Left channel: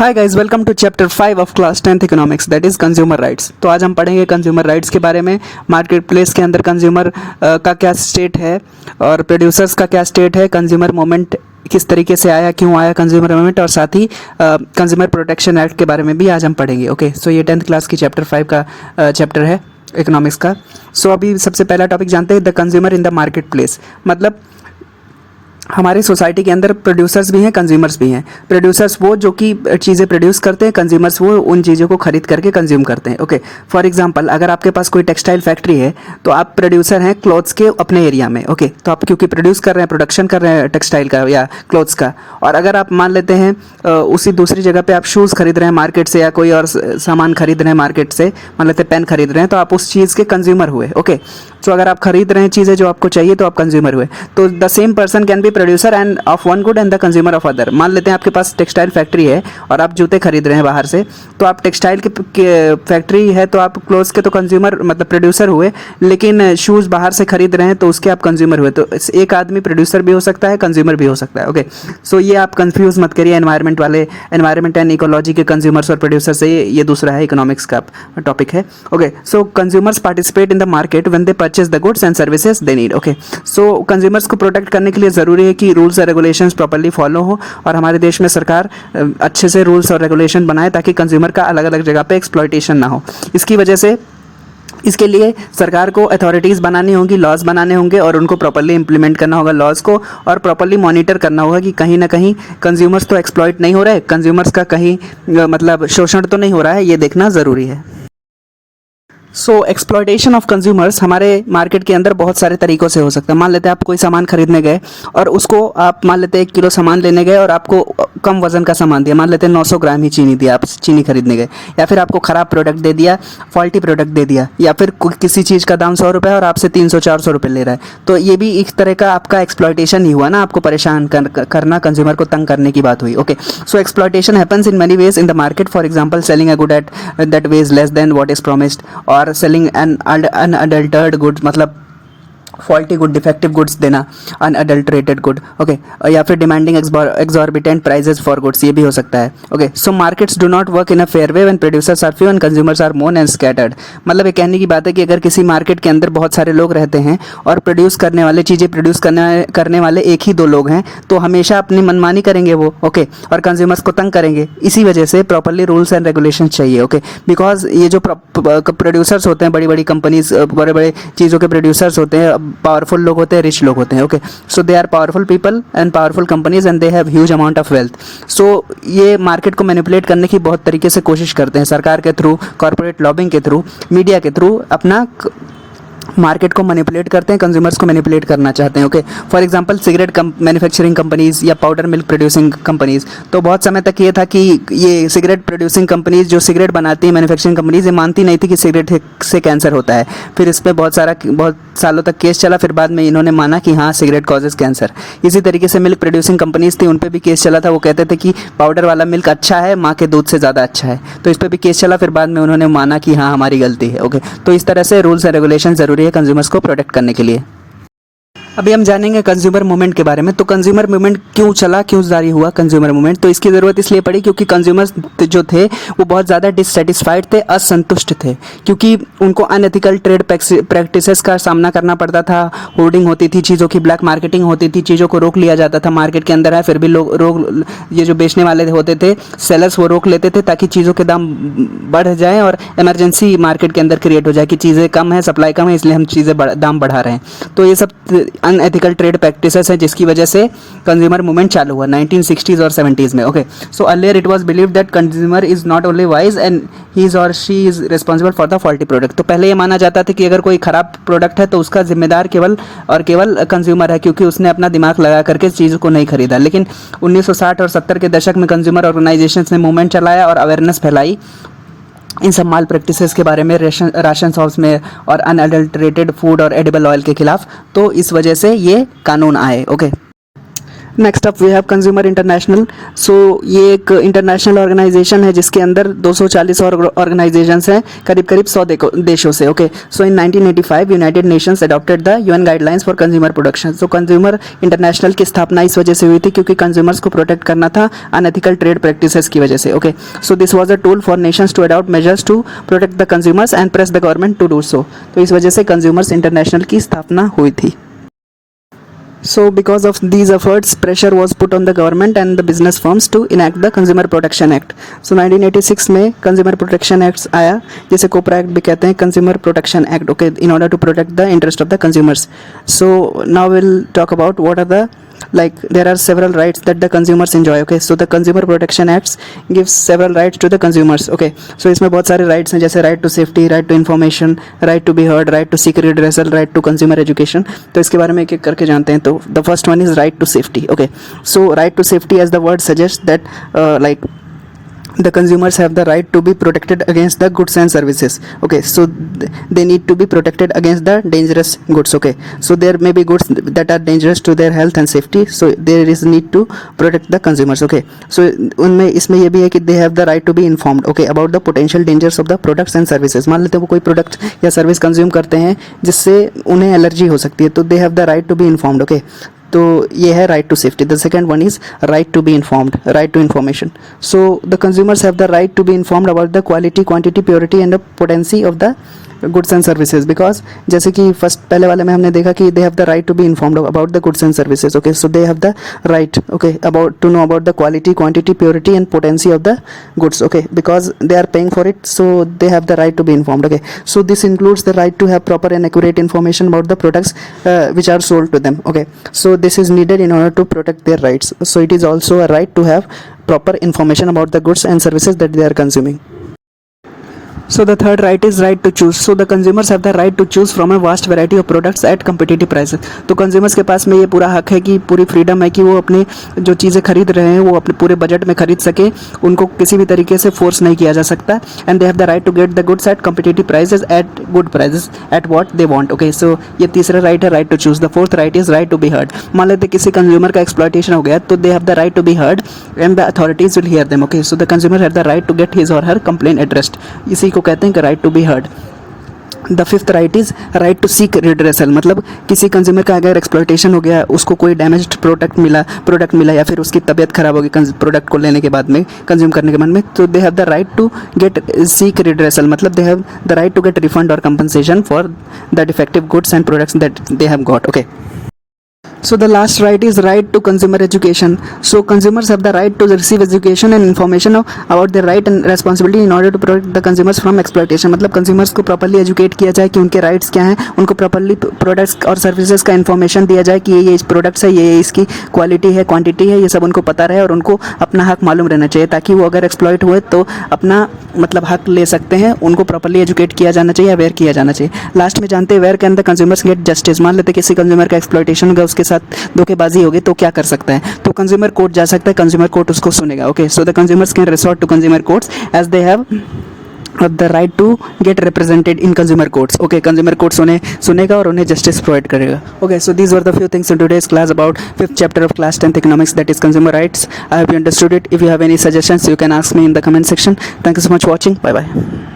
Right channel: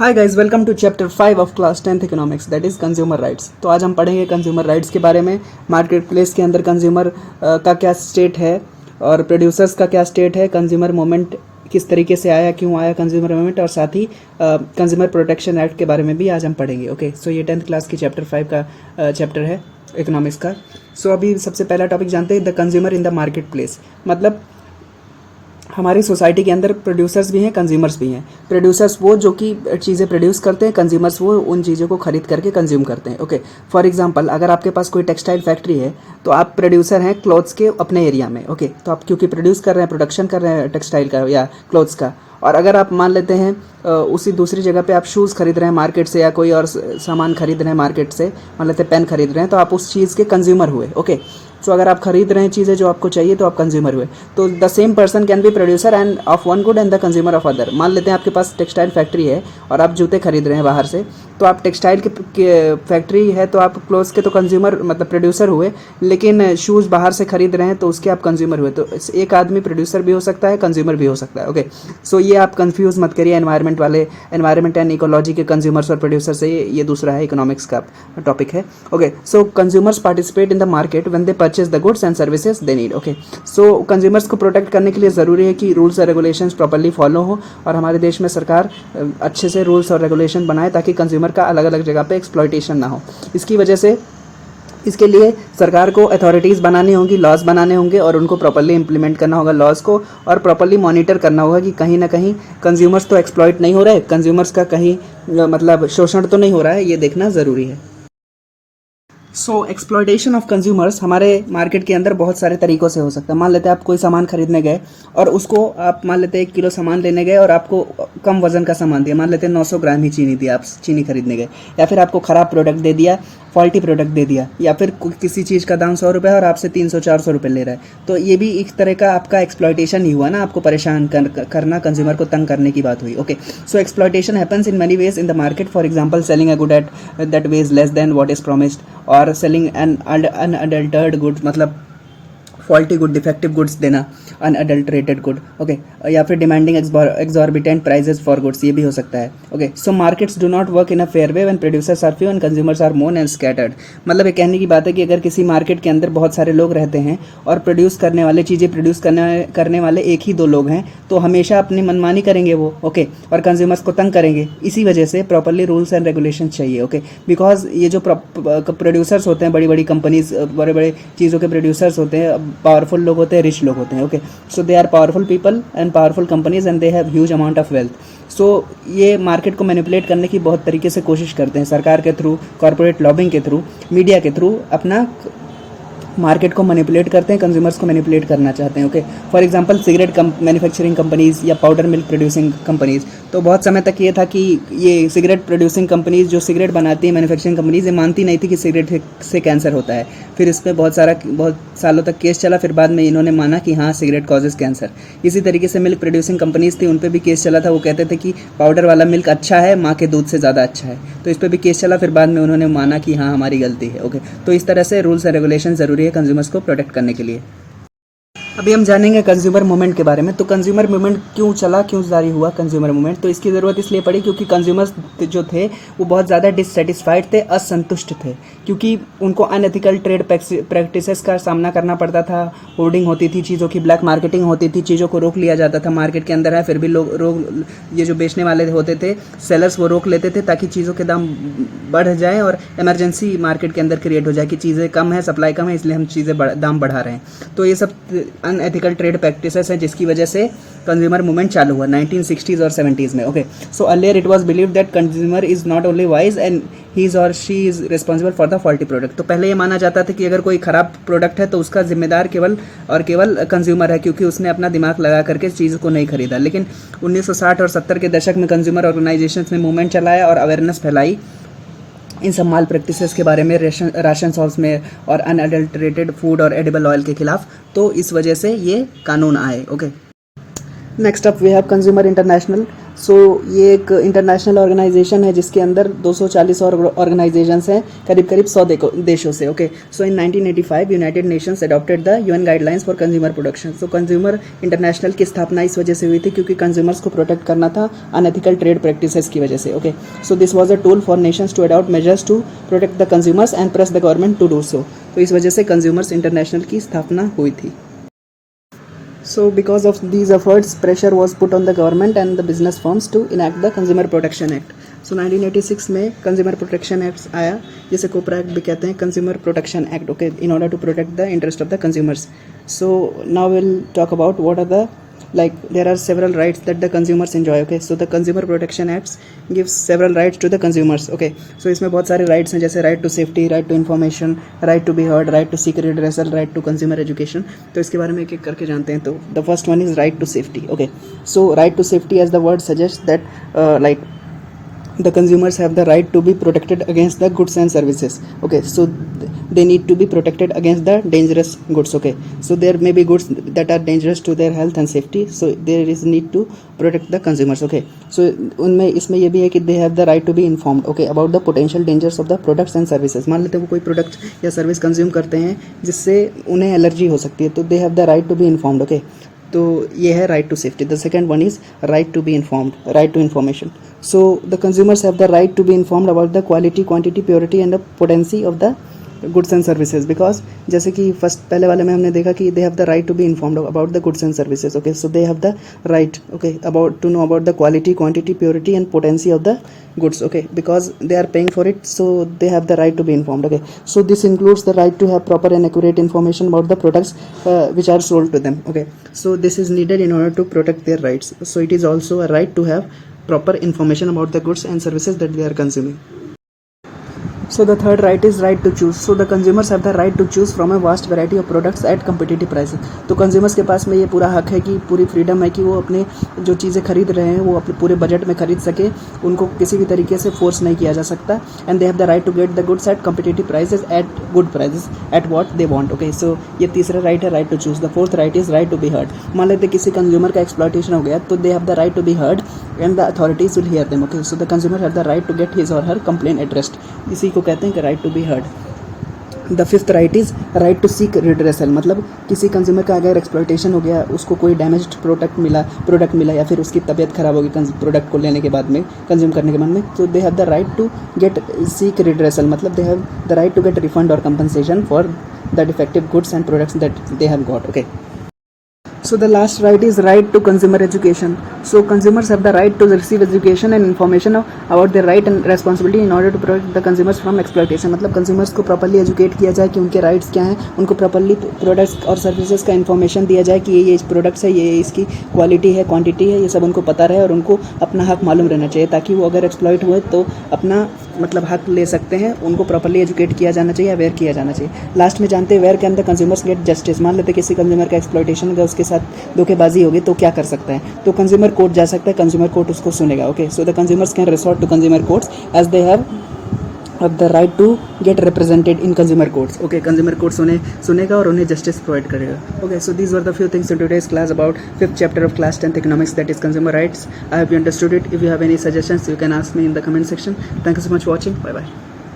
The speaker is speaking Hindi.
Hi guys, welcome to chapter 5 of class 10th economics, that is consumer rights. तो आज हम पढ़ेंगे कंज्यूमर राइट्स के बारे में। मार्केट प्लेस के अंदर कंज्यूमर का क्या स्टेट है और प्रोड्यूसर्स का क्या स्टेट है, कंज्यूमर मूवमेंट किस तरीके से आया, क्यों आया कंज्यूमर मूवमेंट, और साथ ही कंज्यूमर प्रोटेक्शन एक्ट के बारे में भी आज हम पढ़ेंगे। ओके, सो ये 10th क्लास की चैप्टर 5 का चैप्टर है इकोनॉमिक्स का। सो अभी सबसे पहला टॉपिक जानते हैं, the consumer in the market place. मतलब हमारी सोसाइटी के अंदर प्रोड्यूसर्स भी हैं, कंज्यूमर्स भी हैं। प्रोड्यूसर्स वो जो कि चीज़ें प्रोड्यूस करते हैं, कंज्यूमर्स वो उन चीज़ों को खरीद करके कंज्यूम करते हैं। ओके, फॉर एग्जांपल अगर आपके पास कोई टेक्सटाइल फैक्ट्री है तो आप प्रोड्यूसर हैं क्लोथ्स के अपने एरिया में। ओके, तो आप क्योंकि प्रोड्यूस कर रहे हैं, प्रोडक्शन कर रहे हैं टेक्सटाइल का या क्लोथ्स का, और अगर आप मान लेते हैं उसी दूसरी जगह पे आप शूज़ खरीद रहे हैं मार्केट से या कोई और सामान खरीद रहे हैं मार्केट से, मान लेते हैं पेन खरीद रहे हैं, तो आप उस चीज़ के कंज्यूमर हुए। ओके, तो अगर आप खरीद रहे हैं चीज़ें जो आपको चाहिए तो आप कंज्यूमर हुए। तो the same person can be producer end of one good and the consumer of other. मान लेते हैं आपके पास टेक्सटाइल फैक्ट्री है और आप जूते खरीद रहे हैं बाहर से, तो आप टेक्सटाइल के फैक्ट्री है तो आप क्लोथ्स के तो कंज्यूमर मतलब प्रोड्यूसर हुए, लेकिन शूज़ बाहर से खरीद रहे हैं तो उसके आप कंज्यूमर हुए। तो एक आदमी प्रोड्यूसर भी हो सकता है, कंज्यूमर भी हो सकता है। ओके, सो ये आप कंफ्यूज मत करिए एनवायरमेंट एंड इकोलॉजी के कंज्यूमर्स और प्रोड्यूसर से। ये दूसरा है, इकोनॉमिक्स का टॉपिक है। Okay, so consumers participate in the market when they purchase the goods and services they need. Okay, so consumers को प्रोटेक्ट करने के लिए ज़रूरी है कि रूल्स और रेगुलेशंस प्रॉपर्ली फॉलो हो, और हमारे देश में सरकार अच्छे से रूल्स और रेगुलेशन बनाए ताकि कंज्यूमर का अलग अलग जगह पे एक्सप्लॉयटेशन ना हो। इसकी वजह से इसके लिए सरकार को अथॉरिटीज़ बनानी होंगी, लॉज बनाने होंगे, और उनको प्रॉपर्ली इंप्लीमेंट करना होगा लॉज को, और प्रॉपर्ली मॉनिटर करना होगा कि कहीं ना कहीं कंज्यूमर्स तो एक्सप्लॉइट नहीं हो रहे, कंज्यूमर्स का कहीं मतलब शोषण तो नहीं हो रहा है, ये देखना ज़रूरी है। सो एक्सप्लॉयटेशन ऑफ कंज्यूमर्स हमारे मार्केट के अंदर बहुत सारे तरीक़ों से हो सकता है। मान लेते हैं आप कोई सामान खरीदने गए और उसको आप मान लेते हैं 1 किलो सामान लेने गए और आपको कम वजन का सामान दिया, मान लेते हैं 900 ग्राम ही चीनी दिया, आप चीनी खरीदने गए, या फिर आपको ख़राब प्रोडक्ट दे दिया, फॉल्टी प्रोडक्ट दे दिया, या फिर किसी चीज़ का दाम 100 रुपये है और आपसे 300-400 रुपये ले रहा है, तो ये भी एक तरह का आपका एक्सप्लॉयटेशन ही हुआ ना, आपको परेशान करना, कंज्यूमर को तंग करने की बात हुई। Okay, so exploitation happens in many ways in the market, for example selling a good at that ways less than what is promised, और सेलिंग एन अनअडल्टर्ड गुड्स, मतलब फॉल्टी गुड, डिफेक्टिव गुड्स देना, अनअडल्टरेटेड गुड। ओके, या फिर demanding exorbitant prices for goods, ये भी हो सकता है। Okay, so markets do not work in a fair way when producers are few and consumers are more and scattered. मतलब ये कहने की बात है कि अगर किसी मार्केट के अंदर बहुत सारे लोग रहते हैं और चीज़ें प्रोड्यूस करने वाले 1 ही 2 लोग हैं, तो हमेशा अपनी मनमानी करेंगे वो। ओके, और कंज्यूमर्स को तंग करेंगे। इसी वजह से प्रॉपर्ली रूल्स एंड रेगुलेशन चाहिए। ओके, बिकॉज ये जो प्रोड्यूसर्स होते हैं, बड़ी बड़ी कंपनीज, बड़े बड़े चीज़ों के प्रोड्यूसर्स होते हैं, पावरफुल लोग होते हैं, रिच लोग होते हैं। Okay, so they are powerful people and powerful companies and they have huge amount of wealth. So ये मार्केट को मैनिपुलेट करने की बहुत तरीके से कोशिश करते हैं, सरकार के थ्रू, कॉर्पोरेट लॉबिंग के थ्रू, मीडिया के थ्रू अपना मार्केट को मैनिपुलेट करते हैं, कंज्यूमर्स को मैनिपुलेट करना चाहते हैं। Okay, for example cigarette manufacturing companies या पाउडर मिल्क प्रोड्यूसिंग कंपनीज, तो बहुत समय तक ये था कि ये सिगरेट प्रोड्यूसिंग कंपनीज जो सिगरेट बनाती है, मैन्युफैक्चरिंग कंपनीज, ये मानती नहीं थी कि सिगरेट से कैंसर होता है। फिर इस पर बहुत सालों तक केस चला, फिर बाद में इन्होंने माना कि हाँ, सिगरेट कॉजेज कैंसर। इसी तरीके से मिल्क प्रोड्यूसिंग कंपनीज थी, उन पर भी केस चला था, वो कहते थे कि पाउडर वाला मिल्क अच्छा है, माँ के दूध से ज़्यादा अच्छा है, तो इस पर भी केस चला, फिर बाद में उन्होंने माना कि हाँ, हमारी गलती है। ओके, तो इस तरह से रूल्स एंड रेगुलेशन ज़रूरी है कंज्यूमर्स को प्रोटेक्ट करने के लिए। अभी हम जानेंगे कंज्यूमर मूवमेंट के बारे में। तो कंज्यूमर मूवमेंट क्यों चला, क्यों जारी हुआ कंज्यूमर मूवमेंट? तो इसकी ज़रूरत इसलिए पड़ी क्योंकि कंज्यूमर्स जो थे वो बहुत ज़्यादा डिससेटिस्फाइड थे, असंतुष्ट थे, क्योंकि उनको अनएथिकल ट्रेड प्रैक्टिसेस का सामना करना पड़ता था। होर्डिंग होती थी, चीज़ों की ब्लैक मार्केटिंग होती थी, चीज़ों को रोक लिया जाता था मार्केट के अंदर है, फिर भी लोग ये जो बेचने वाले होते थे, सेलर्स, वो रोक लेते थे ताकि चीज़ों के दाम बढ़ जाएँ और इमरजेंसी मार्केट के अंदर क्रिएट हो जाए कि चीज़ें कम है, सप्लाई कम है, इसलिए हम दाम बढ़ा रहे हैं। तो ये सब अनएथिकल ट्रेड प्रैक्टिसेस है जिसकी वजह से कंज्यूमर मूवमेंट चालू हुआ 1960s और 70s में। Okay, so earlier it was believed that consumer is not only wise and he is और she is responsible for the faulty product. तो पहले ये माना जाता था कि अगर कोई खराब प्रोडक्ट है तो उसका जिम्मेदार केवल कंज्यूमर है, क्योंकि उसने अपना दिमाग लगा करके चीज़ को नहीं खरीदा। लेकिन 1960 और 70 के दशक में कंज्यूमर ऑर्गेनाइजेशंस ने मूवमेंट चलाया और अवेयरनेस फैलाई इन सब माल प्रैक्टिसेस के बारे में, राशन शॉप्स में, और अनअडल्टरेटेड फूड और एडिबल ऑयल के खिलाफ। तो इस वजह से ये कानून आए। Okay, next up we have consumer international. सो ये एक इंटरनेशनल ऑर्गेनाइजेशन है जिसके अंदर 240 और ऑर्गेनाइजेशंस हैं करीब करीब 100 देशों से। Okay, so in 1985 United Nations adopted the UN guidelines for consumer protection. So consumer international की स्थापना इस वजह से हुई थी क्योंकि कंज्यूमर्स को प्रोटेक्ट करना था अनएथिकल ट्रेड प्रैक्टिसेस की वजह से। Okay, so this was a tool for nations to adopt measures to protect the consumers and press the government to do so. तो इस वजह से कंज्यूमर्स इंटरनेशनल की स्थापना हुई थी। So because of these efforts, pressure was put on the government and the business firms to enact the Consumer Protection Act. So 1986 में Consumer Protection Act आया, जिसे कोपरा एक्ट भी कहते हैं, Consumer Protection Act, okay, in order to protect the interest of the consumers. So now we'll talk about what are the, like, there are several rights that the consumers enjoy. Okay, so the Consumer Protection Acts gives several rights to the consumers. Okay, so इसमें बहुत सारे rights हैं, जैसे right to safety, right to information, right to be heard, right to seek redressal, right to consumer education. तो इसके बारे में एक एक करके जानते हैं। तो the first one is right to safety. Okay, so right to safety, as the word suggests, that like the consumers have the right to be protected against the goods and services. Okay, so they need to be protected against the dangerous goods. Okay, so there may be goods that are dangerous to their health and safety, so there is need to protect the consumers. Okay, so उनमें इसमें ये भी है कि they have the right to be informed, okay, about the potential dangers of the products and services. मान लेते हैं वो कोई प्रोडक्ट या सर्विस कंज्यूम करते हैं जिससे उन्हें एलर्जी हो सकती है, तो they have the right to be informed. Okay, तो ये है right to safety. The second one is right to be informed, right to information. So the consumers have the right to be informed about the quality, quantity, purity and the potency of the goods and services. Because जैसे कि फर्स्ट पहले वाले में हमने देखा कि they have the right to be informed about the goods and services. Okay, so they have the right, okay, about to know about the quality, quantity, purity and potency of the goods. Okay, because they are paying for it, so they have the right to be informed. Okay, so this includes the right to have proper and accurate information about the products which are sold to them. Okay, so this is needed in order to protect their rights. So it is also a right to have proper information about the goods and services that they are consuming. So the third right is right to choose. So the consumers have the right to choose from a vast variety of products at competitive prices. तो consumers के पास में ये पूरा हक है कि पूरी फ्रीडम है कि वो अपने जो चीज़ें खरीद रहे हैं वो अपने पूरे बजट में खरीद सके, उनको किसी भी तरीके से फोर्स नहीं किया जा सकता। And they have the right to get the goods at competitive prices at good prices at what they want. Okay, so ये तीसरा राइट है, right to choose. The fourth right is right to be heard. मान लेते किसी कंज्यूमर का एक्सप्लॉयटेशन हो गया तो they have the right to be heard and the authorities will hear them. Okay, so the consumer have the right to get his or her complaint addressed. इसी को कहते हैं right to be heard. The fifth right is right to seek redressal. मतलब किसी कंज्यूमर का अगर एक्सप्लॉयटेशन हो गया, उसको कोई डैमेज्ड प्रोडक्ट मिला या फिर उसकी तबीयत खराब होगी प्रोडक्ट को लेने के बाद में, कंज्यूम करने के बाद में, तो they have the right to get seek redressal. मतलब they have the right to get refund और compensation for the defective goods and products that they have got. Okay, so the last right is right to consumer education. So consumers have the right to receive education and information about their right and responsibility in order to protect the consumers from exploitation. मतलब consumers को properly educate किया जाए कि उनके rights क्या हैं, उनको properly products और services का information दिया जाए कि ये products है, ये इसकी quality है, quantity है, ये सब उनको पता रहे और उनको अपना हक मालूम रहना चाहिए, ताकि वो अगर exploit हुए तो अपना मतलब हक ले सकते हैं। उनको properly educate किया जाना चाहिए, अवेयर किया जाना चाहिए। लास्ट में जानते हैं where can the consumers get justice। मान लेते किसी कंज्यूमर का एक्सप्लॉयटेशन होगा, उसके साथ धोखेबाजी होगी, तो क्या कर सकता है, तो कंज्यूमर कोर्ट जा सकता है, कंज्यूमर कोर्ट उसको सुनेगा। Okay, so the consumers can resort to consumer courts as they have the right to get represented in consumer courts. Okay, consumer courts उन्हें सुनेगा और उन्हें जस्टिस प्रोवाइड करेगा। Okay, so these were the few things in today's class about 5th chapter of class 10th economics, that is consumer rights. I hope you understood it. If you have any suggestions, you can ask me in the comment section. Thank you so much for watching. Bye bye.